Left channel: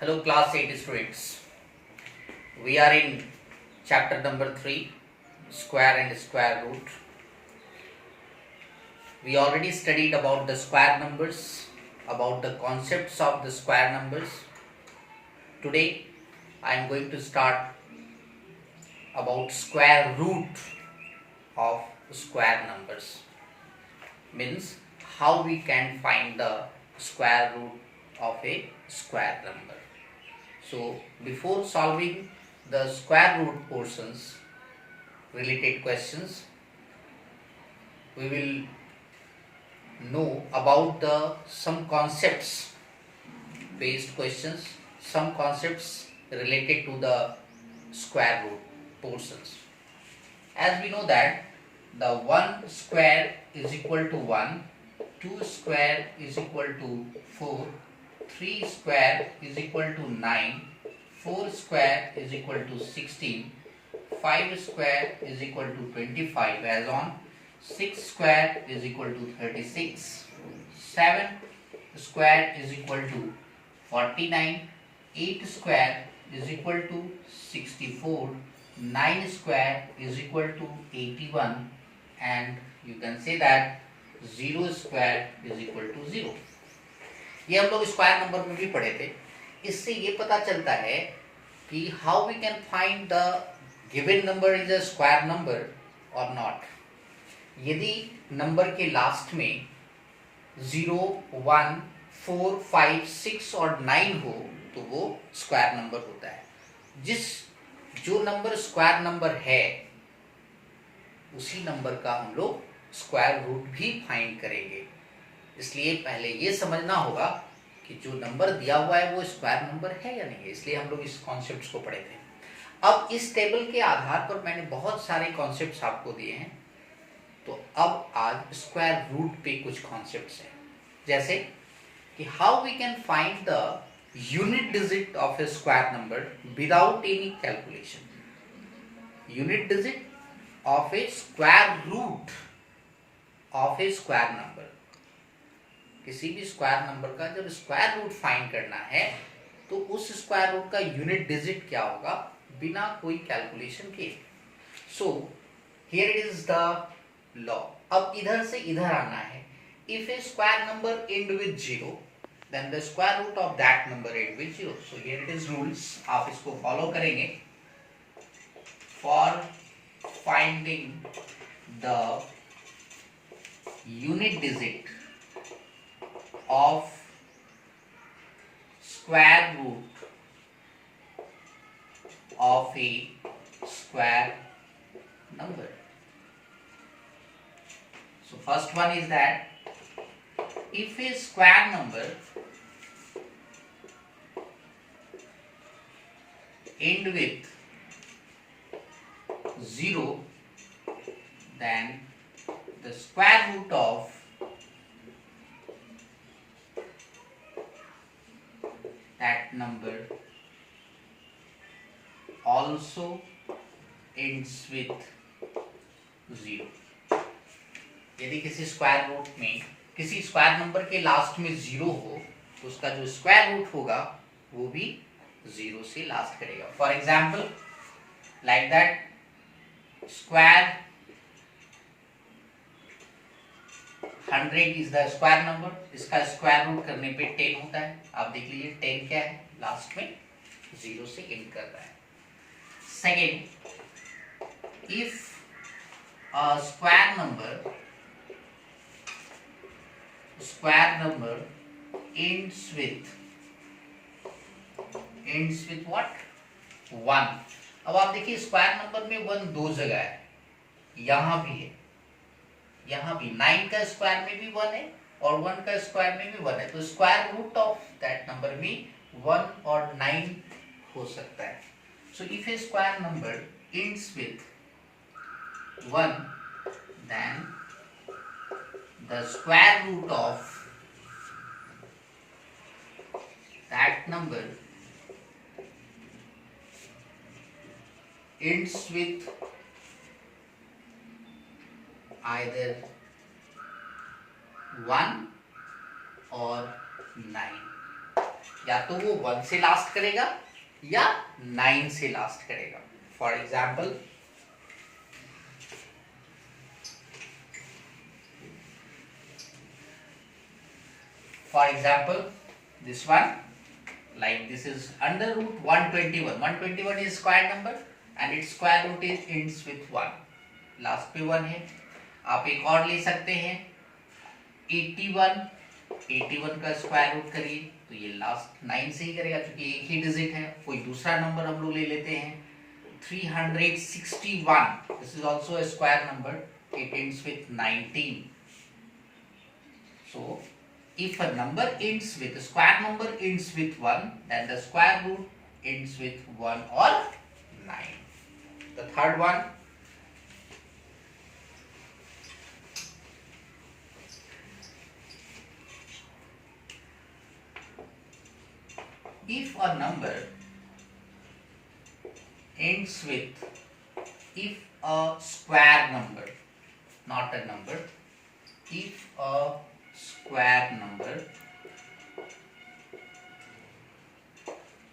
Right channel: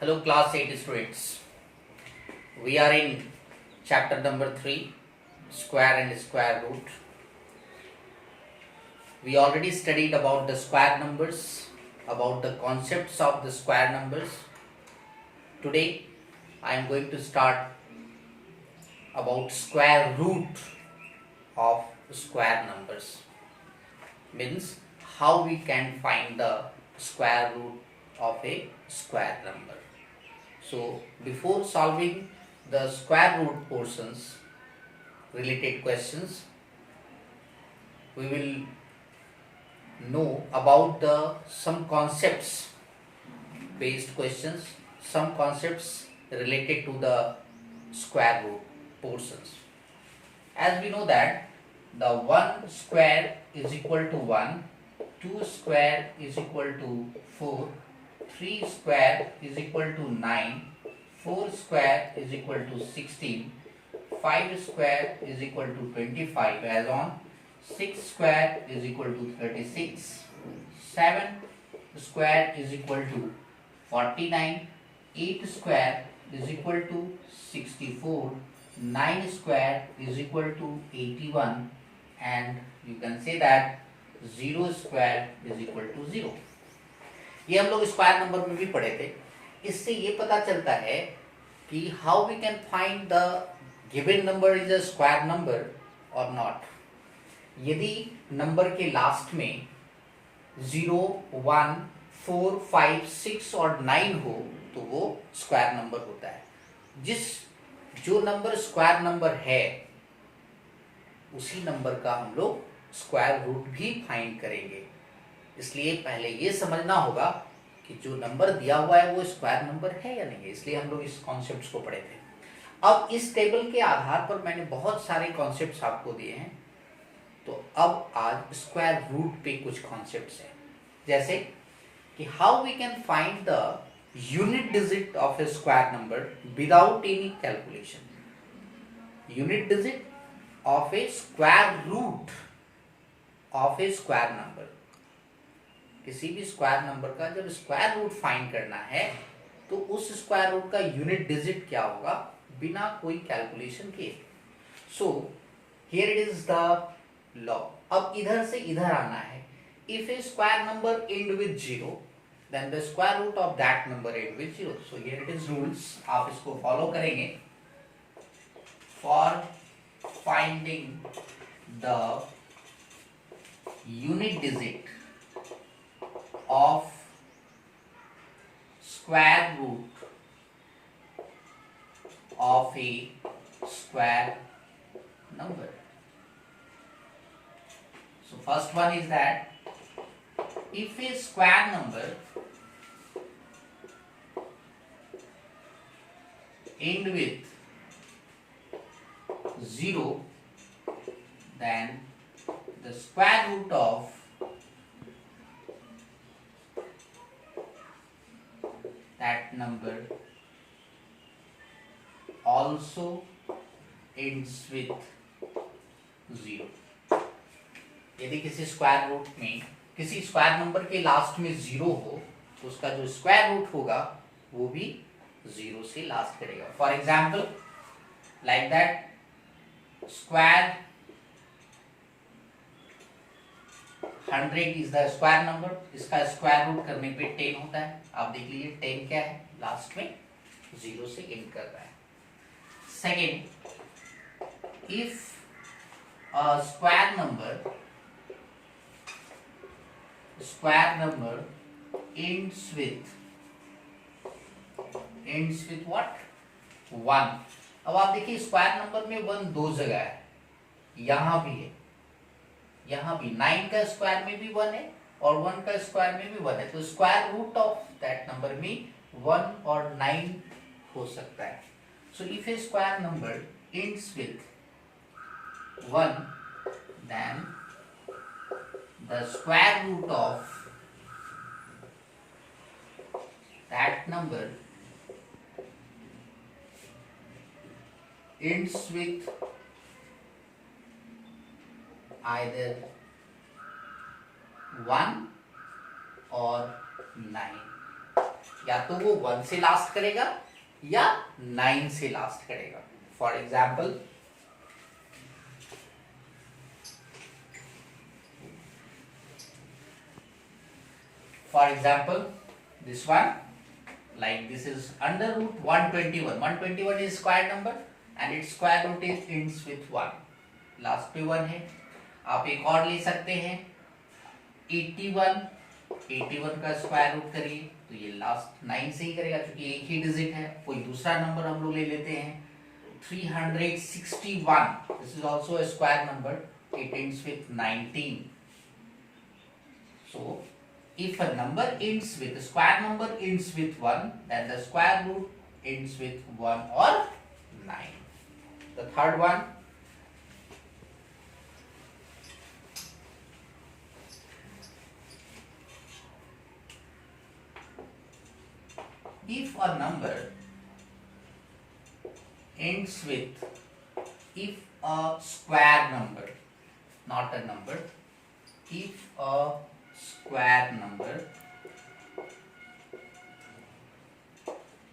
Hello class 8 students. We are in chapter number 3, square and square root. We already studied about the square numbers, about the concepts of the square numbers. Today I am going to start about square root of square numbers. Means how we can find the square root of a square number. So before solving the square root portions related questions, we will know about the some concepts based questions, some concepts related to the square root portions. As we know that the 1 square is equal to 1, 2 square is equal to 4, 3 square is equal to 9, 4 square is equal to 16, 5 square is equal to 25 as on, 6 square is equal to 36, 7 square is equal to 49, 8 square is equal to 64, 9 square is equal to 81 and you can say that 0 square is equal to 0. ये हम लोग square number में भी पढ़े थे. इससे ये पता चलता है कि how we can find the given number is a square number और नॉट. यदि नंबर के लास्ट में 0, 1, 4, 5, 6 और 9 हो तो वो स्क्वायर नंबर होता है. जो नंबर स्क्वायर नंबर है उसी नंबर का हम लोग स्क्वायर रूट भी फाइंड करेंगे. इसलिए पहले ये समझना होगा कि जो नंबर दिया हुआ है वो स्क्वायर नंबर है या नहीं है. इसलिए हम लोग इस कॉन्सेप्ट्स को पढ़े थे. अब इस टेबल के आधार पर मैंने बहुत सारे कॉन्सेप्ट्स आपको दिए हैं. तो अब आज स्क्वायर रूट पे कुछ कॉन्सेप्ट्स हैं. जैसे कि how we can find the unit digit of a square number without any calculation. Unit digit of a square root of a square number. किसी भी स्क्वायर नंबर का जब स्क्वायर रूट फाइंड करना है तो उस स्क्वायर रूट का unit digit क्या होगा बिना कोई कैलकुलेशन किए. So here it is the law. अब इधर से इधर आना है. If a square number end with 0 then the square root of that number end with 0. So here it is rules. आप इसको फॉलो करेंगे for finding the unit digit of square root of a square number. So first one is that if a square number end with 0 then the square root of that number also ends with 0. यदि किसी square root में किसी square number के last में 0 हो तो उसका जो स्क्वायर रूट होगा वो भी 0 से लास्ट करेगा. For example like that square 100 is the square number. इसका स्क्वायर रूट करने पे 10 होता है. आप देख लीजिए 10 क्या है लास्ट में 0 से एंड कर रहा है. Second, if a square number ends with what 1. अब आप देखिए स्क्वायर नंबर में 1 दो जगह है. यहां भी है, यहां भी 9 का स्क्वायर में भी 1 है और 1 का स्क्वायर में भी 1 है. तो square root of that number में 1 और 9 हो सकता है. So if a square number ends with 1 then the square root of that number ends with either 1 or 9. या तो वो 1 से लास्ट करेगा या 9 से लास्ट करेगा. For example this one, like this is under root 121. 121 is square number and its square root is ends with 1. लास्ट पे 1 है. आप एक और ले सकते हैं 81. 81 का स्क्वायर रूट करिए तो ये लास्ट 9 से ही करेगा क्योंकि एक ही डिजिट है. कोई दूसरा नंबर हम लोग ले लेते हैं 361. This is also a square number. It ends with 19. So if a number ends with a square number ends with 1, then the square root ends with 1 or 9. The third one, if a number ends with, if a square number, not a number, if a square number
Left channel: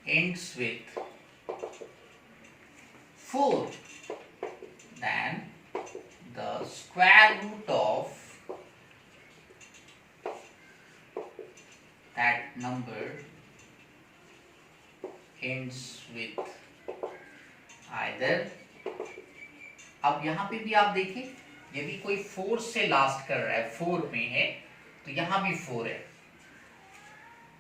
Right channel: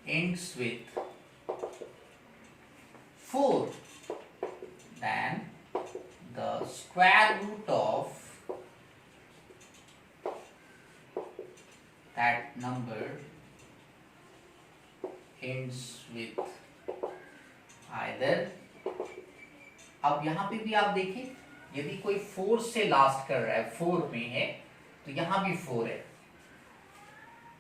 ends with 4, then the square root of that number ends with either. अब यहां पे भी आप देखें यदि कोई 4 से last कर रहा है, 4 में है तो यहां भी 4 है.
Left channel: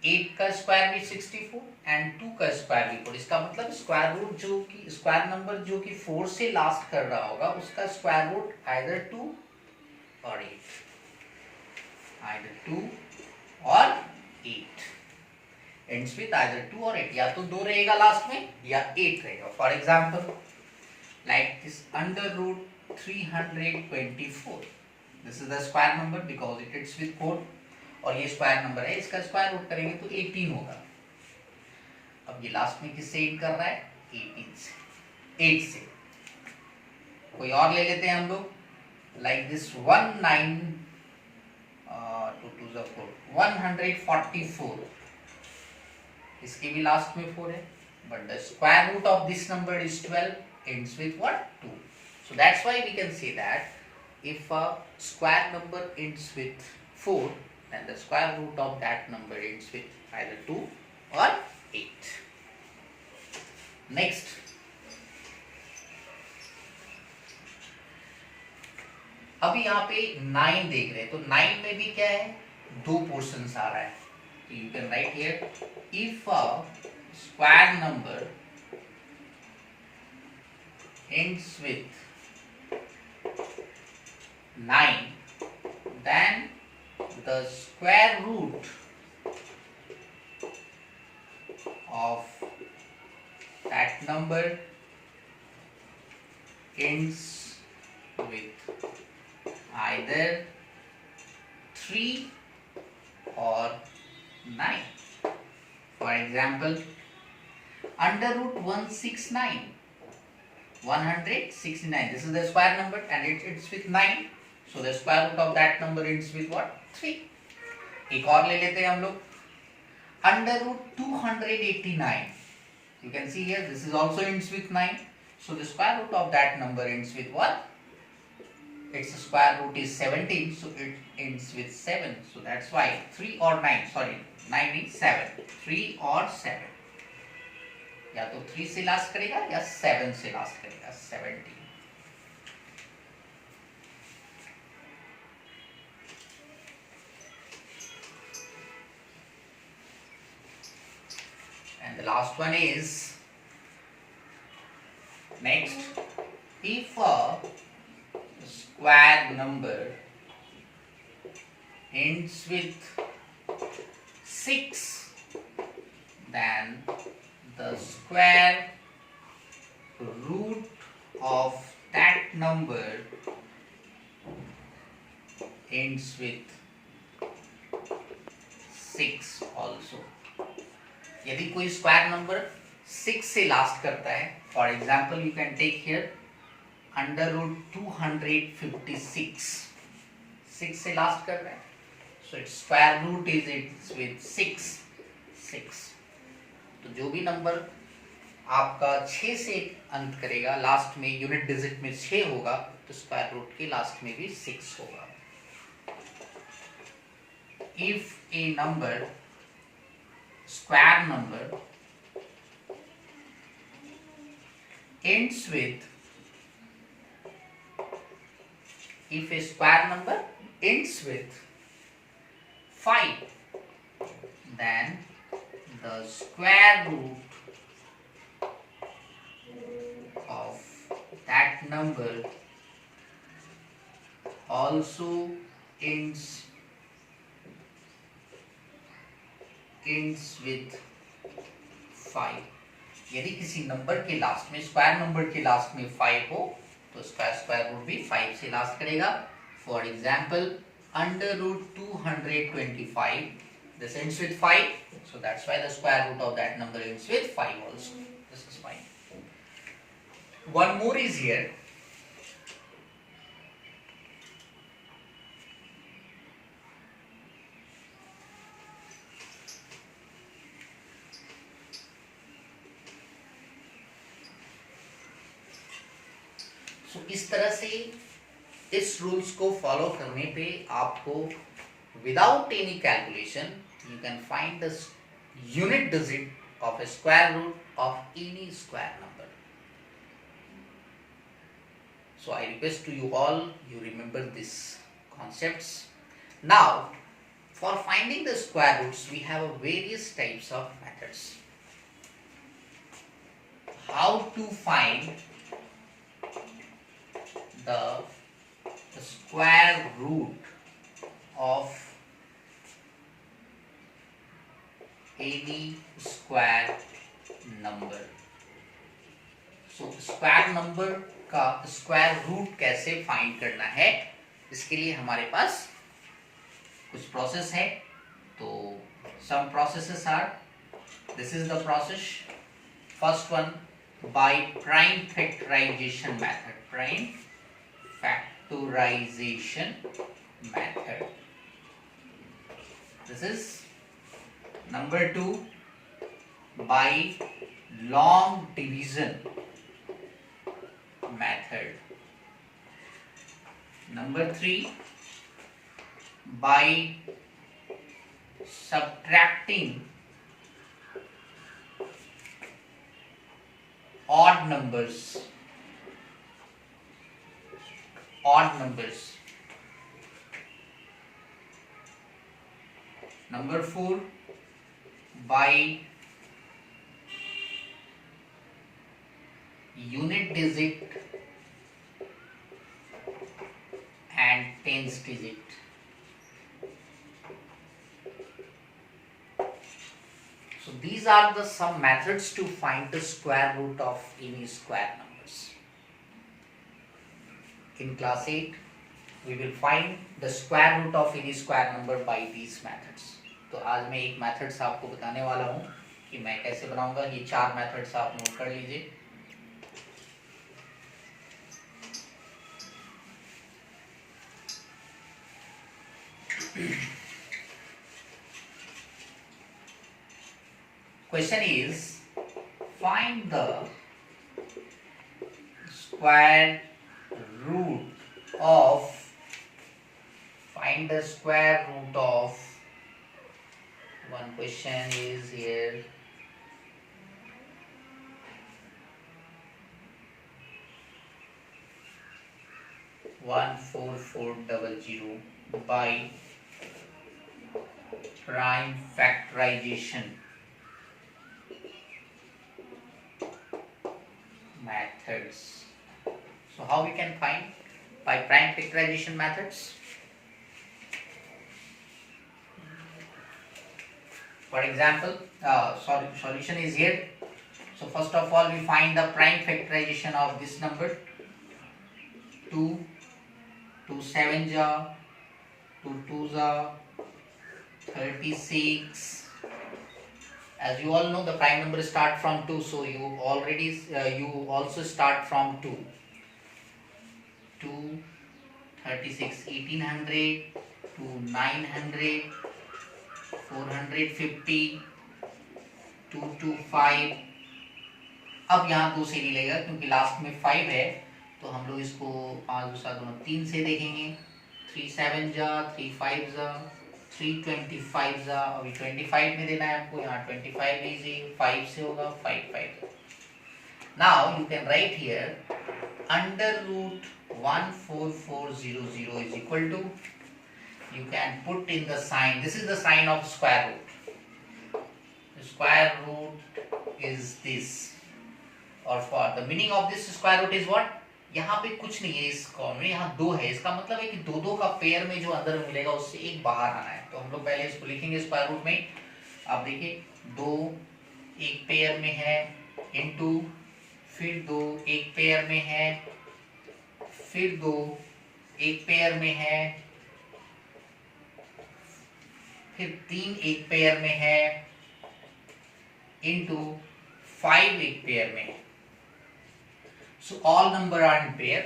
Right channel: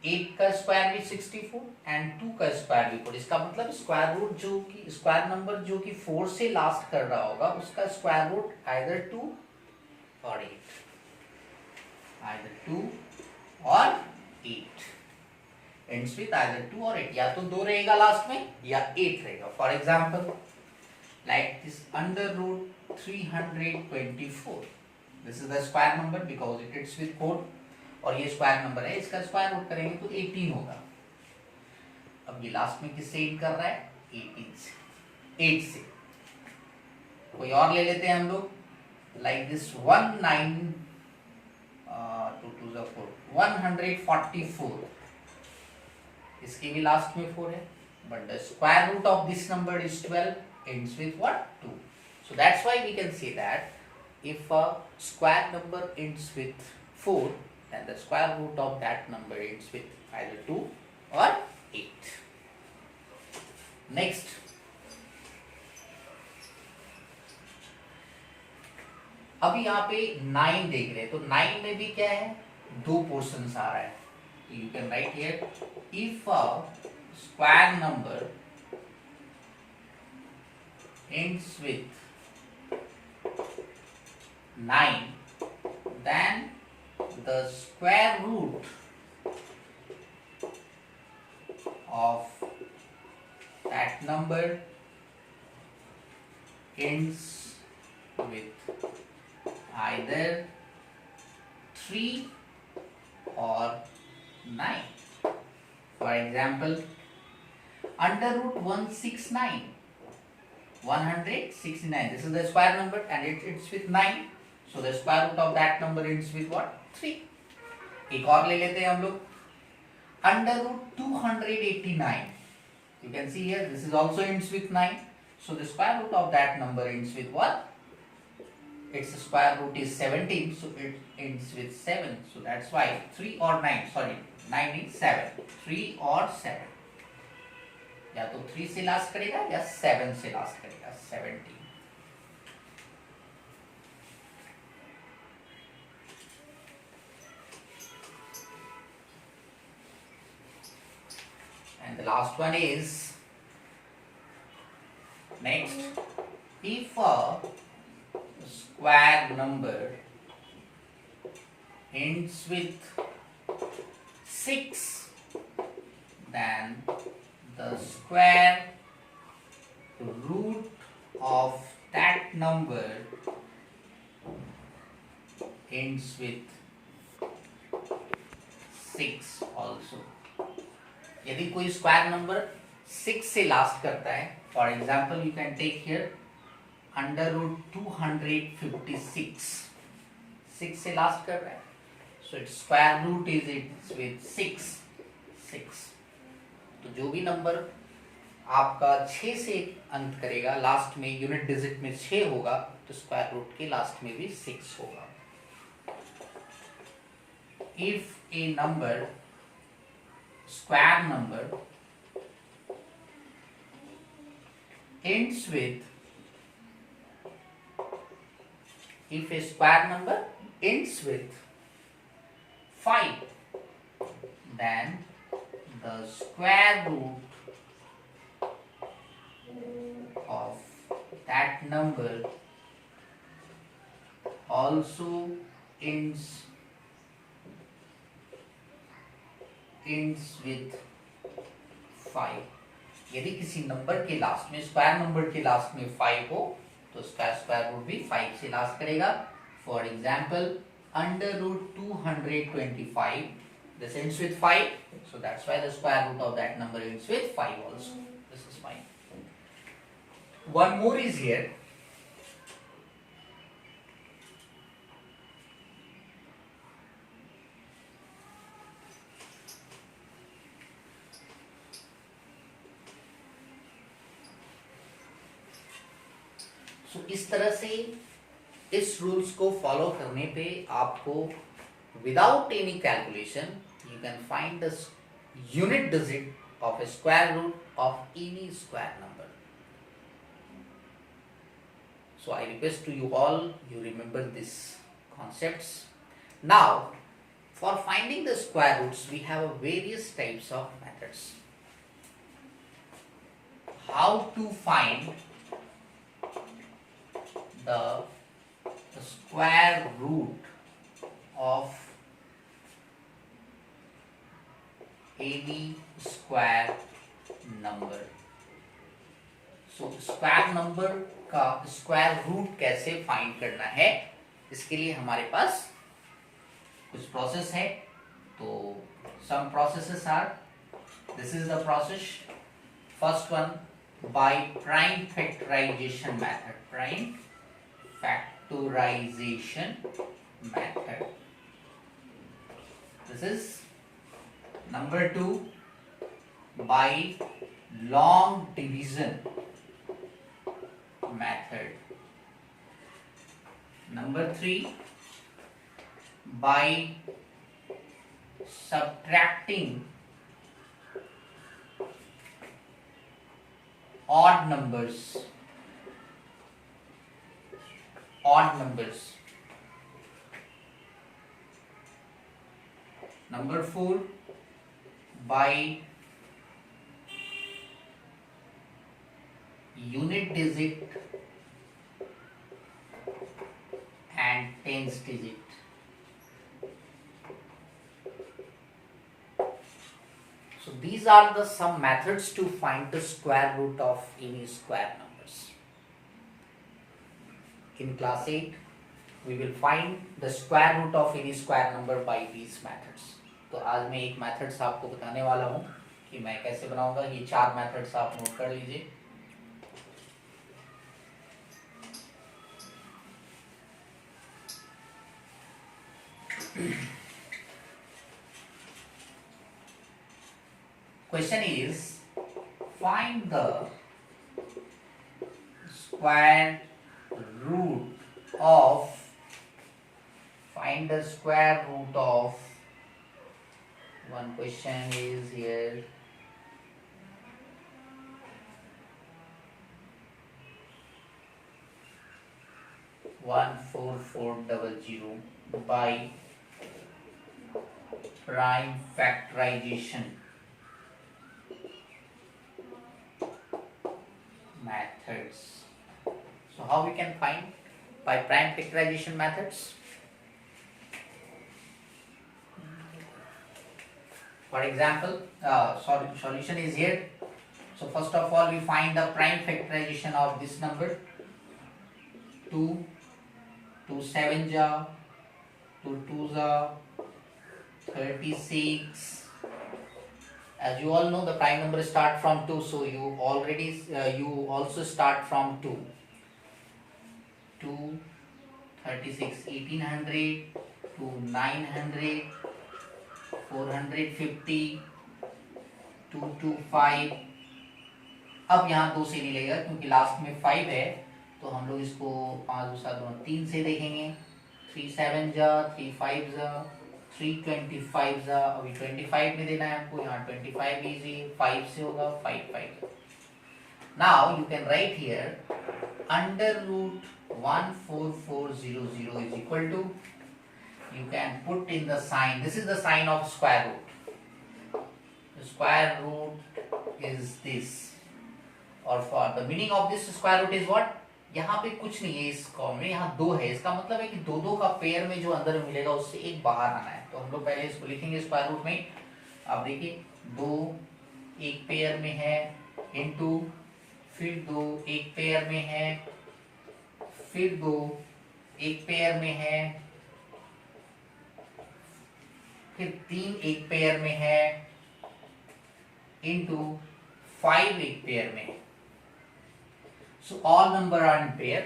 8 का स्क्वायर भी 64 एंड 2 का स्क्वायर भी 4. इसका मतलब स्क्वायर रूट जो कि स्क्वायर नंबर जो कि 4 से लास्ट कर रहा होगा उसका स्क्वायर रूट आइदर 2 और 8, आइदर 2 और 8. एंड्स विथ आइदर 2 और 8. या तो 2 रहेगा लास्ट में या 8 रहेगा. For example like this under root 324. This is the square number because it it's with 4 और ये स्क्वायर नंबर है. इसका स्क्वायर रूट करेंगे तो 18 होगा. अब ये लास्ट में किससे एड कर रहा है 18 से, 8 से. कोई और ले लेते हैं हम लोग लाइक दिस 144. इसके भी लास्ट में 4 है but the square root of this number is 12, ends with what 2. So that's why we can say that if a square number ends with 4, then the square root of that number ends with either 2 or 8. Next, अभी यहाँ पे 9 देख रहे हैं तो 9 में भी क्या है 2 पोर्शंस आ रहा है. You can write here if a square number ends with 9, then the square root of that number ends with either 3 or 9. For example, under root 169. 169. This is the square number and it's with 9. So the square root of that number ends with what? 3. एक और ले लेते हैं हम लोग. Under root 289. You can see here this is also ends with 9. So the square root of that number ends with what? Its square root is 17. So it ends with 7. So that's why 3 or 9. Sorry, 9 is 7. 3 or 7. या तो 3 से last करेगा या 7 से last करेगा. 17. And the last one is next, if a square number ends with 6, then the square root of that number ends with 6 also. यदि कोई square number 6 से लास्ट करता है, for example you can take here under root 256. 6 से last कर रहा है, so its square root is it's with 6. तो जो भी नंबर आपका 6 से अंत करेगा, लास्ट में यूनिट डिजिट में 6 होगा, तो स्क्वायर रूट के लास्ट में भी 6 होगा। इफ ए number, square number ends with, if a square number ends with 5, then the square root of that number also ends with 5। यदि किसी नंबर के लास्ट में, स्क्वायर नंबर के लास्ट में 5 हो, तो स्क्वायर रूट भी 5 से लास्ट करेगा। For example, under root 225, this ends with 5, so that's why the square root of that number ends with 5 also. This is fine. One more is here. So, इस तरह से इस रूल्स को फॉलो करने पे आपको without any calculation you can find the unit digit of a square root of any square number. So I request to you all, you remember these concepts. Now, for finding the square roots, we have various types of methods. How to find the square root of any square number. So square number का square root कैसे फाइंड करना है, इसके लिए हमारे पास कुछ process है। तो some processes are, this is the process. First one, by prime factorisation method, prime factorisation method. This is number 2, by long division method. Number 3, by subtracting odd numbers. Number 4, by unit digit and tens digit. So these are the some methods to find the square root of any square numbers. In class 8, we will find the square root of any square number by these methods. तो आज मैं एक मेथड्स आपको बताने वाला हूँ कि मैं कैसे बनाऊंगा। ये 4 मेथड्स आप नोट कर लीजिए। Question is, find the square root of, one question is here, 14400 by prime factorization methods. So how we can find by prime factorization methods? For example, solution is here. So first of all, we find the prime factorization of this number. 2 7 ja, 2 2 ja, 36. As you all know, the prime number start from 2, so you also start from 2. 2 36, 1800, 2 900, 450, 2 to 5। अब यहाँ 2 से नहीं लगेगा क्योंकि लास्ट में 5 है, तो हम लोग इसको 5 2 7 3 से देखेंगे। 3 7 जा, 3 5 जा, 3 25 जा, अभी 25 में देना है आपको, यहाँ 25 लीजिए, 5 से होगा 5 5। Now you can write here under root 14400 is equal to, you can put in the sign, this is the sign of square root. The square root is this, or for the meaning of this square root is what, यहाँ पे कुछ नहीं है इस कॉलम में, यहाँ 2 है, इसका मतलब है कि दो दो का पेयर में जो अंदर मिलेगा उससे एक बाहर आना है। तो हम लोग पहले इसको लिखेंगे स्क्वायर रूट में। आप देखिए 2 एक पेयर में है, इनटू फिर 2 एक पेयर में है, फिर 2 एक पेयर में है, फिर 3 एक पेयर में है, इनटू 5 एक पेयर में है। So all number are in pair.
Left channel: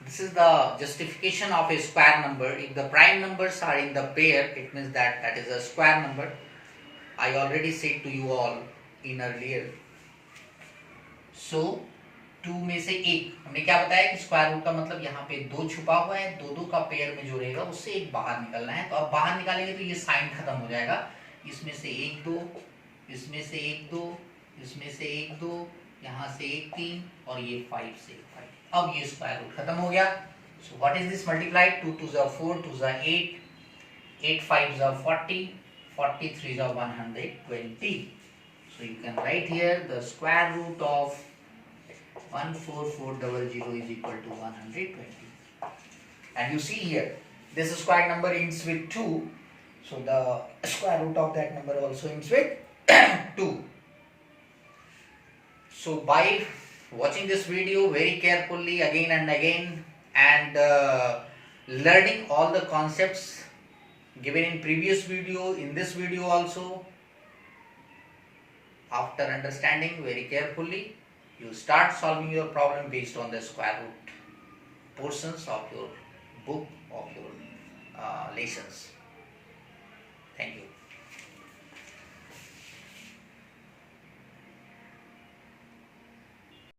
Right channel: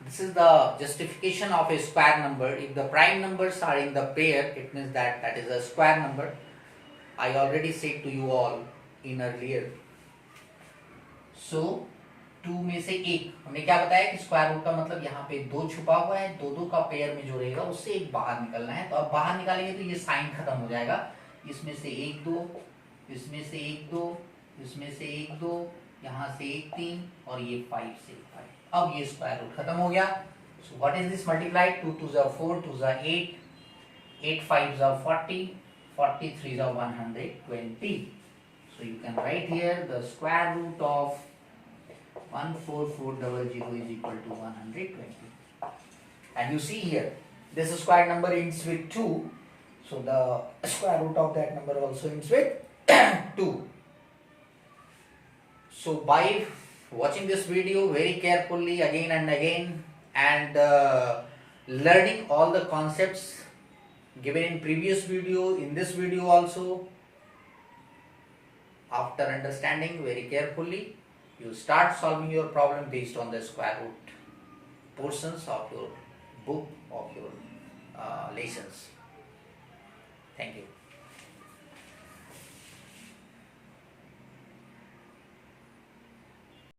This is the justification of a square number. If the prime numbers are in the pair, it means that that is a square number. I already said to you all in earlier. So 2 में से 1, हमने क्या बताया कि square root का मतलब यहाँ पे 2 छुपा हुआ है, 2 2 का पेयर में जो रहेगा उससे एक बाहर निकलना है। तो अब बाहर निकालेंगे तो ये साइन खत्म हो जाएगा, इसमें से 1 2, इसमें से 1 2, इसमें से 1 2, यहाँ से 1 3 और ये 5 से 5। अब ये स्क्वायर रूट खत्म हो गया। So what is this multiply, 2 2 जा 4, 2 जा 8, 8 5 जा 40, 40 3 जा 120। So you can write here the square root of 14400 is equal to 120. And you see here this square number ends with 2, so the square root of that number also ends with 2. So by watching this video very carefully again and again, and learning all the concepts given in previous video, in this video also, after understanding very carefully, you start solving your problem based on the square root portions of your book, of your lessons. Thank you.